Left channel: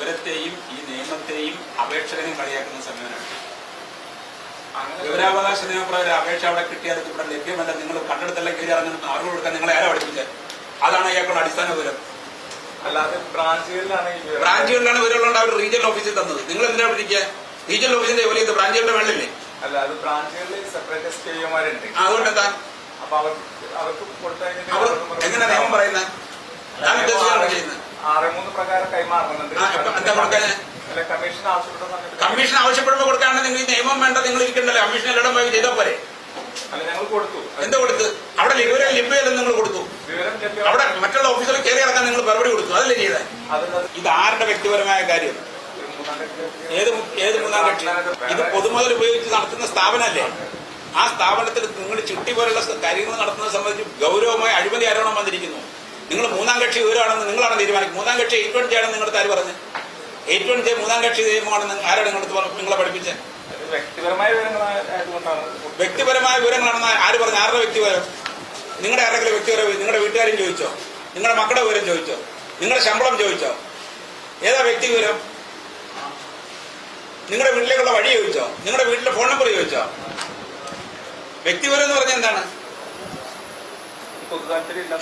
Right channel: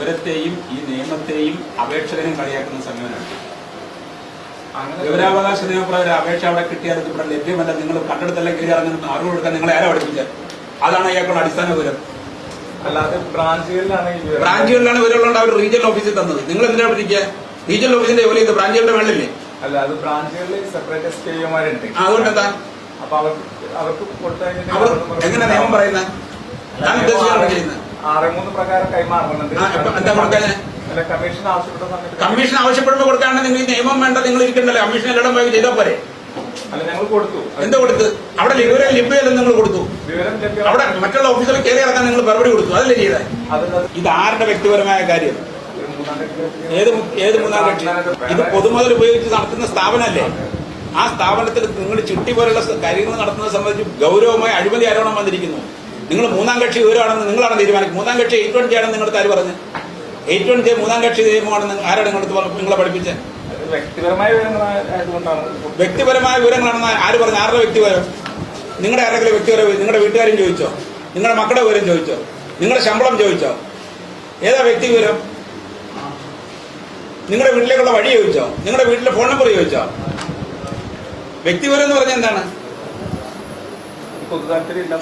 വിവരത്തെയും ഈ നിയമത്തെയും അപേക്ഷകനെയും കളിയാക്കുന്ന സമയമാണ്. വിവരാവകാശ നിയമപ്രകാരം അപേക്ഷ അവിടെ കിട്ടിയാൽ ഇവിടെ ലഭ്യമല്ല, നിങ്ങൾ കണ്ടെടുത്തെല്ലാം കയറി ഇറങ്ങുന്ന അറിവ് കൊടുക്കാൻ നിങ്ങൾ ആരാ പഠിക്കുന്നത്? അതാണ് അയാൾക്കുള്ള അടിസ്ഥാന വിവരം. അല്ലാതെ ബ്രാഞ്ചുകളിലാണ് വിവരമുള്ളത്. അവർ റീജിയണൽ ഓഫീസിൽ തന്നത്. നിങ്ങൾ എന്തിനാണ് പഠിക്കുക? റീജിയണൽ ഓഫീസിന്റെ ജോലി ചെയ്ത് ബ്രാഞ്ചുകളുടെ വേണ്ടില്ലേ? അല്ല, അത് ബ്രാഞ്ചുകളിൽ സെപ്പറേറ്റ് എസ്പിമാരുണ്ട്. അതുകൊണ്ട് എന്താ അപ്പൊ അവർക്ക് എങ്ങനെ നിയമം പറയുന്നത്? 6(3) പ്രകാരം കൈമാറുന്നുണ്ട്. കമ്മീഷൻ ആവശ്യപ്പെട്ട സമയത്ത് കമ്മീഷൻ ആവശ്യപ്പെടുമ്പോൾ കൊടുക്കാണ്ട് നിങ്ങൾ ഈ നിയമം വേണ്ട, നിങ്ങൾ ഇരിക്കുന്നത് കമ്മീഷൻ എല്ലാം പോയി ചെയ്താൽ പോരെ? അല്ല, ഞങ്ങൾ കൊടുത്തു. എന്താ കൊടുത്ത്? അവിടെ വിവരം ലഭ്യതയും നിങ്ങൾ കൊടുത്തു. അവിടെ മറ്റുള്ള ഓഫീസുകളിൽ കയറി ഇറക്കാൻ നിങ്ങൾ മറുപടി കൊടുത്തു. അതല്ലേ ചെയ്തത്? ഇത് ആരുടെ വ്യക്തിപരമായ കാര്യം? ഏത് മൂന്നാം കക്ഷി? ഇത് പൊതുമുതൽ ഉപയോഗിച്ച് നടത്തുന്ന സ്ഥാപനമല്ലേ? ആ സ്ഥാപനത്തിൽ നിങ്ങൾ ചിട്ടി പോലുള്ള കാര്യങ്ങൾ നടത്തുന്നത് സംബന്ധിച്ച് ഗൌരവമായ അഴിമതി ആരോപണം വന്നിരിക്കുന്നു. നിങ്ങൾ മൂന്നാം കക്ഷി വിവരമാണെന്ന് നിങ്ങളാണ് തീരുമാനിക്കുന്നത്. മൂന്നാം കക്ഷി 820 ആണെന്ന് നിങ്ങളുടെ ആര് പറഞ്ഞു? 820 മൂന്നാം കക്ഷി നിയമമാണെന്ന് ആരാണ് നിങ്ങളെ പഠിപ്പിച്ചത്? വ്യക്തിപരമായ വിവരങ്ങളാണെന്ന് ആര് പറഞ്ഞു? ആരുടെ വ്യക്തിപരം? നിങ്ങളുടെ ആരെങ്കിലും വ്യക്തിപരം? നിങ്ങളുടെ വീട്ടുകാരും ചോദിച്ചോ? നിങ്ങളുടെ മക്കളുടെ വിവരം ചോദിച്ചോ? നിങ്ങളുടെ ശമ്പളം ചോദിച്ചോ? ഏതാ വ്യക്തി വിവരം? നിങ്ങളുടെ വീട്ടിലേക്കുള്ള വഴി ചോദിച്ചോ? നിങ്ങളുടെ വീട്ടിലെ ഫോൺ നമ്പർ ചോദിച്ചോ? വ്യക്തിപരം എന്ന് പറഞ്ഞാൽ എന്താണ്? പൊതുതാല്പര്യമില്ല.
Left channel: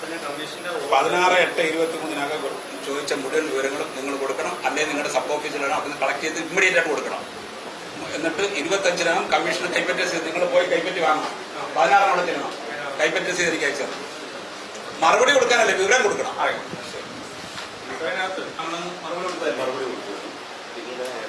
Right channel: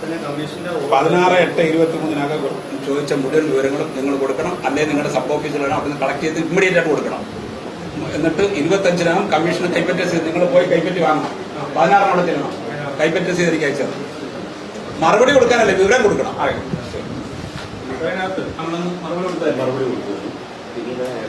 16/8/23 ചോദിച്ച മുഴുവൻ വിവരങ്ങളും നിങ്ങൾ കൊടുക്കണം. അല്ലെങ്കിൽ നിങ്ങളുടെ സബ് ഓഫീസുകളാണ് അതിന് കളക്ട് ചെയ്ത് ഇമ്മീഡിയറ്റ് ആയിട്ട് കൊടുക്കണം. എന്നിട്ട് 25-നാണ് കമ്മീഷന് കൈപ്പറ്റ് ചെയ്ത് നിങ്ങൾ പോയി കൈപ്പറ്റ് കാണണം. 16 കൈപ്പറ്റ് ചെയ്ത് എനിക്ക് അയച്ചത്. മറുപടി കൊടുക്കാനല്ലേ, വിവരം കൊടുക്കണം. അറിയാം.